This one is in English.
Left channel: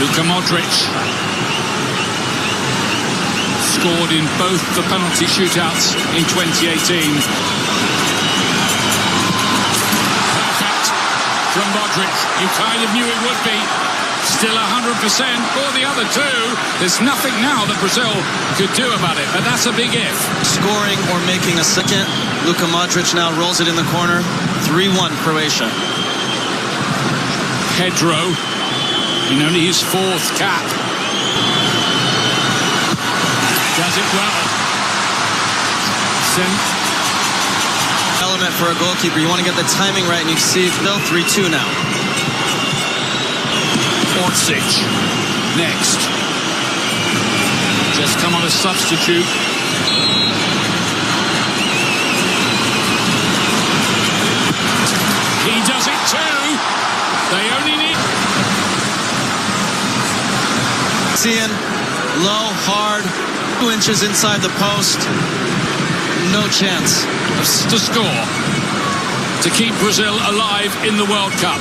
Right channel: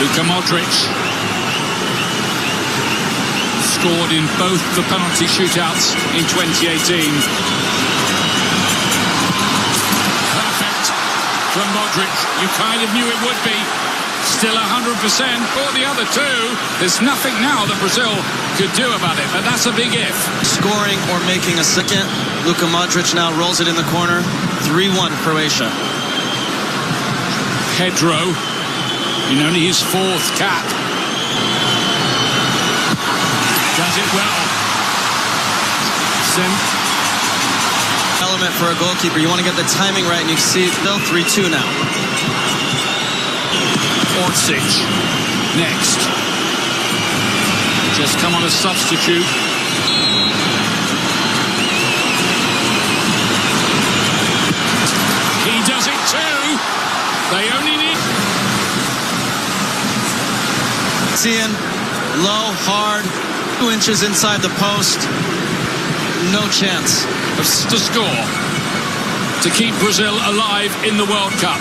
Luka Modric scored in both the penalty shootouts in 2018. Perfect from Modric. You kind of knew it would be. Still 100% for the other two. There's nothing now that Brazil could do about it, but that's a big if. Scoring or making a second. Luka Modric now rolls it in the corner. 3-1 Croatia. Pedro in only his fourth cap. Does it well. Element for a goalkeeper. You want to get the timing right, and you see still 3-2 now. Orsic next. Just come on a substitute. He does it too. They only need... Seeing low, hard, 2 inches inside the post. No chance to score to keep Brazil alive in the World Cup.